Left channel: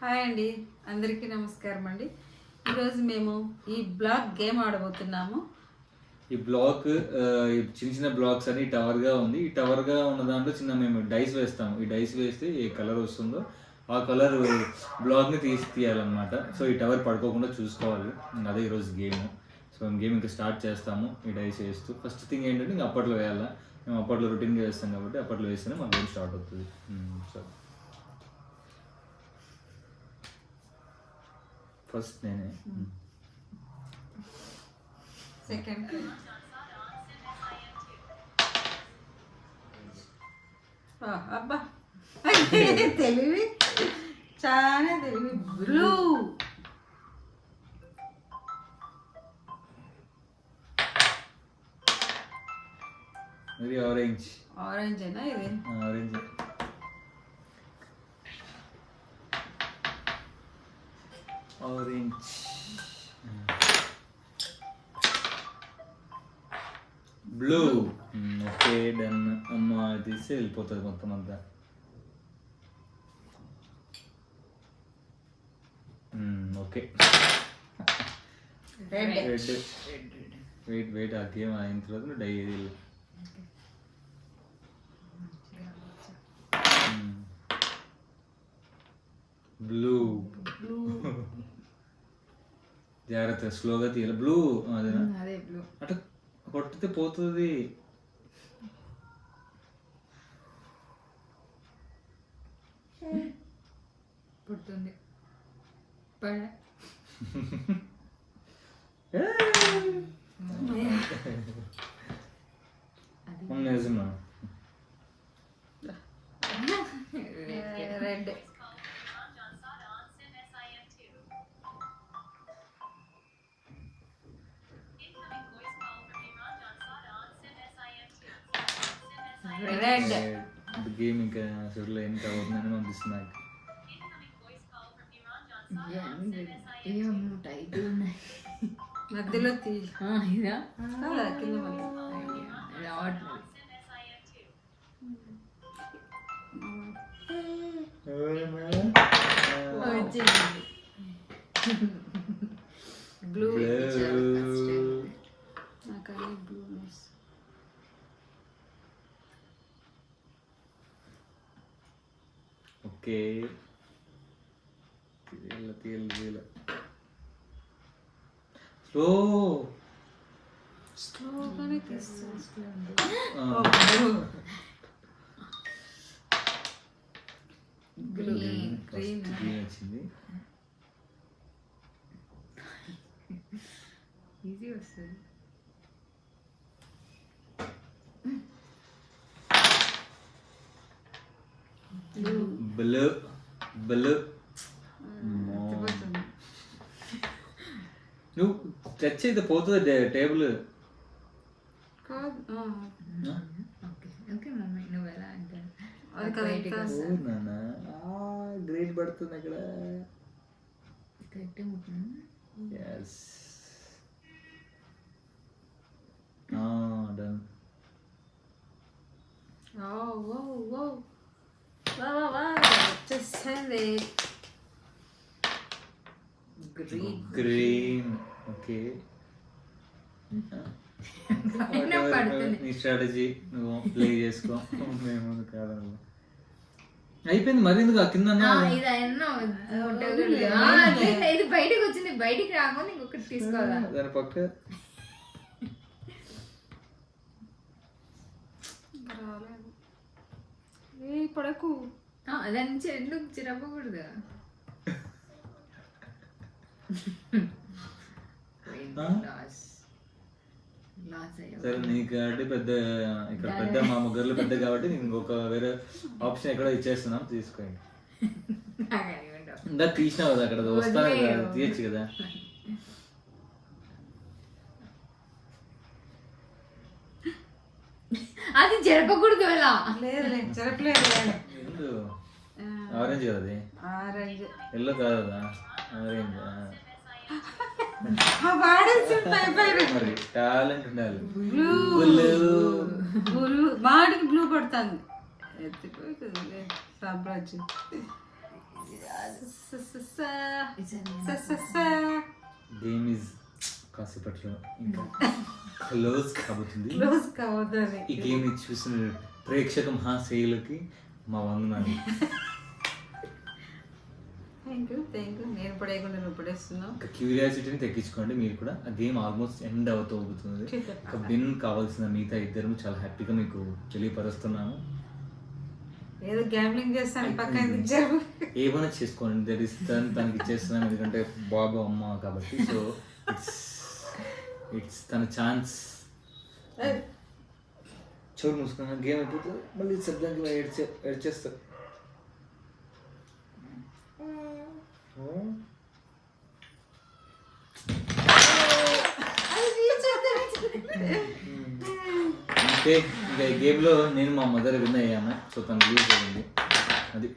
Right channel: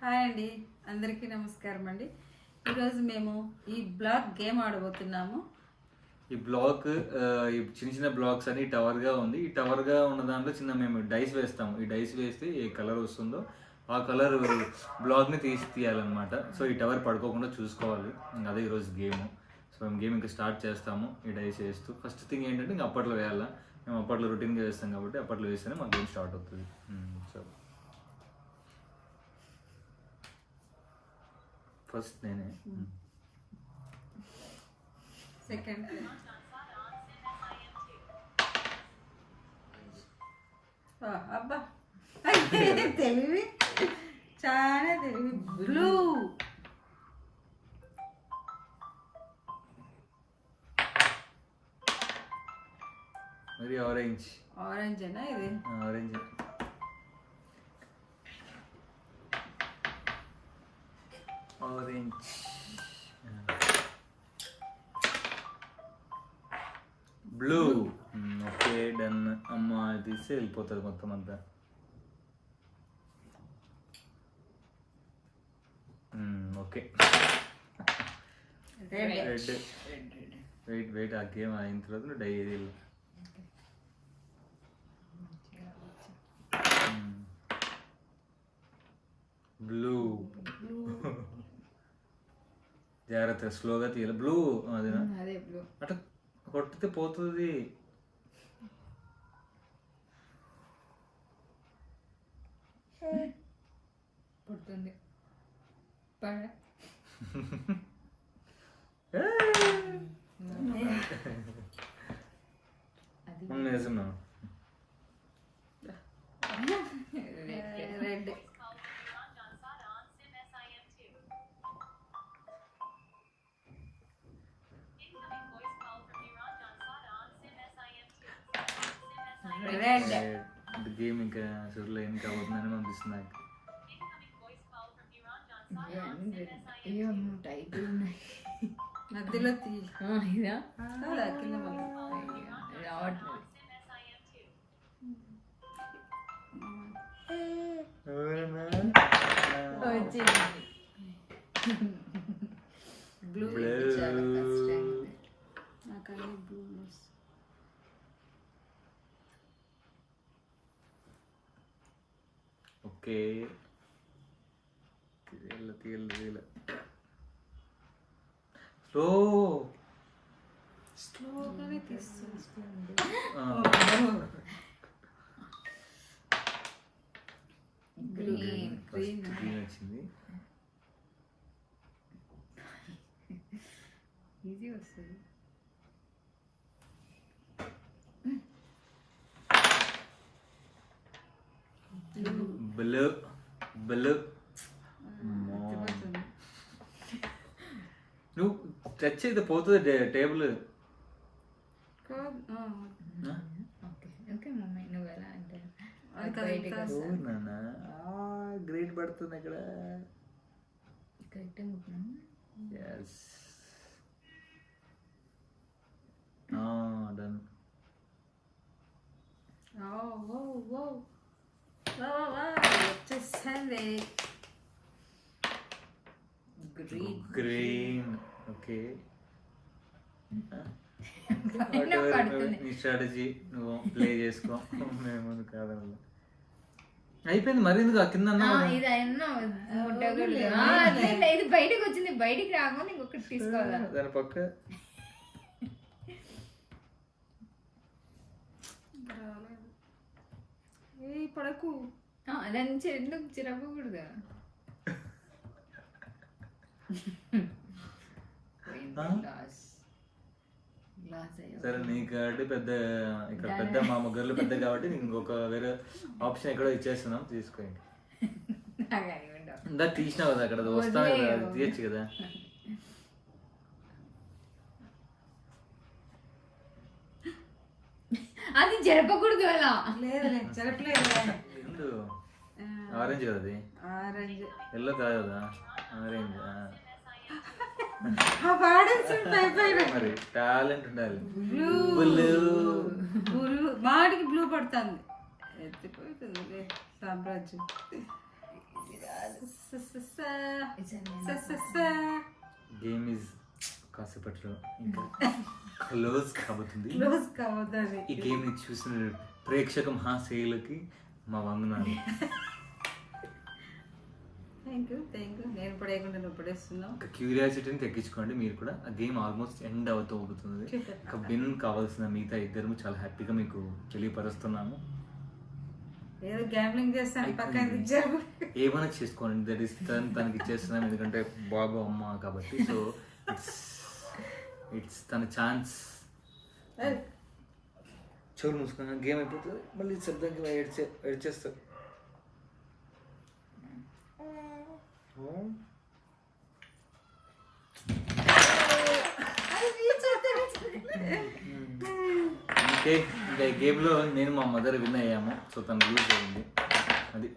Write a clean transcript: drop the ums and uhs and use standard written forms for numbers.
Hi అండి, అందరికీ నమస్కారం అండి. ఈరోజు మేము ఈ బ్లాక్ గేమ్ ఆడబోతున్నాము. ఈ బ్లాక్ చిన్న చిన్న బ్లాక్స్ అని టవర్గా ఉంది. ఈ టవర్గా ఉన్న దాంట్లో చిన్న మేము డైస్ వేస్తాము. ఈ డైస్ వేస్తే ఏ కలర్ వస్తుందో ఆ కలర్ బ్లాక్ని తీయాలన్నమాట. సో ఈ టవర్ పడుకోకుండా చూసుకోవాలి. అదే ఈరోజు గేమ్. సో మేము గేమ్ ఇంకా స్టార్ట్ చేస్తాము. ఈ డైస్ వేస్తూ ఫస్ట్ థింగ్ ఏంటంటే ఇంకా అప్పట్లో వేయాలా. మేము అప్పట్లో రొటీన్గా వేస్తాం కాబట్టి అప్పట్లో వేస్తేనే మాకు గేమ్ స్టార్ట్ అవుతుంది. సో ఫస్ట్ నేనే సెకండ్ అబ్బా తెలివి, చాలా తెలివి. బ్లూ మరి ఆరెంజ్. ఆరెంజేనా ఇది? Orange. Orange. Blue. Okay done. అమ్మ తీస్తే వెళ్ళిపోతుంది మొత్తం అంతా. Okay red. వెయిట్ ఆ గేమ్ అయిన తర్వాత నువ్వు డైరీ బ్లూ. జాగ్రత్త స్లోగా తీయాలి. బ్లూ అదేనా? అదే బ్లూ. అటు కొట్టితే పోతుంది. పుడుతుంది. నిజమా? రెడ్. గేమ్ ఇంకా అసలు ఏం కావద్దని అనిపిస్తుంది నాకు. మధ్యలో బ్లూ. ఓకే తీయాలి. స్లోగానే తీస్తుంది. గ్రీన్ వచ్చింది. ఈజీ వస్తుంది. బ్లూ. నువ్వు టచ్ అయితే పోతుంది టేబుల్. గ్రీన్ పడుతుంది ఇక్కడ. డన్. గ్రీన్. ఓకే నీ స్ట్రాటజీ నువ్వు ప్లే చేసుకో. మేము కాదన్న అయిపోయింది. మరి ఎందుకు కింద ఇది బయటకు వచ్చింది. బయటికి రాకుండా ఇంకొకటి తీసుకోవాలా? దాని పక్క పడకు. దాని నుంచి ఎందుకు చిరపకూడదు? సరే నీకు కాబట్టి పెద్ద ఇక్కడ పెద్ద మా ముగ్గురులో పెద్ద కాబట్టి నీకు ఇంకొక వేరే ఆప్షన్ ఎక్కడో ఇచ్చేస్తున్నాం, తీసుకోండి. ఇందాక తీసినావు కదా అక్కడ వస్తాను కదా, తీయచ్చు కదా. అది జరపకూడదు అలా. లేదు జరపలేదు. ఆరెంజ్ కదా అది. ఆరెంజ్. ఎల్లో కాదు కదా ఆరెంజ్. మరి టాలెంట్ ఉండాలి. బాడీకి బ్లూ పడుతుంది. ఎత్తిపోతుంది సామ్రాజ్యం. గేమ్ ఈజ్ కాసేపట్లో ఇంకా క్లోజ్ కాబోతుంది. క్లోజ్ కావద్దని ఈ గేమ్ ని చూసిన ప్రేక్షక మహాశైలకి మా వందనాలు. Thank you. నేను పడేయకుండా నువ్వు పడేస్తున్నావు. ఇంకా క్యూరియాసిటీని తగ్గించుకోండి మీరు కూడా. ఆ గేమ్ ఆల్మోస్ట్ ఎండ్ అవుతుంది. ఇంకా విన్ కావాల్సిన మిగతా ఇద్దరు చాలా హ్యాపీగా మీకు తెలియపరుస్తున్నాను. ఏదో గ్యామ్లింగ్ చేస్తాను పక్కన ఇచ్చారు. ఏమైనా చేసుకోండి, దట్ ఈస్ తనకి ఇచ్చేస్తున్నాం ఎందుకంటే బాబు అమ్మ కాబట్టి. సో ఇట్స్ తన ఛాన్స్. చెవులు మూసుకున్నా గేమ్ అయిపోతుంది మళ్ళీ శబ్దానికి ఏడ్చేస్తా. ఓకే, ఇంకా ఈ గేమ్లో నేను మా మదర్ విన్ అయ్యాము. సో తను లూజ్ అయింది. అది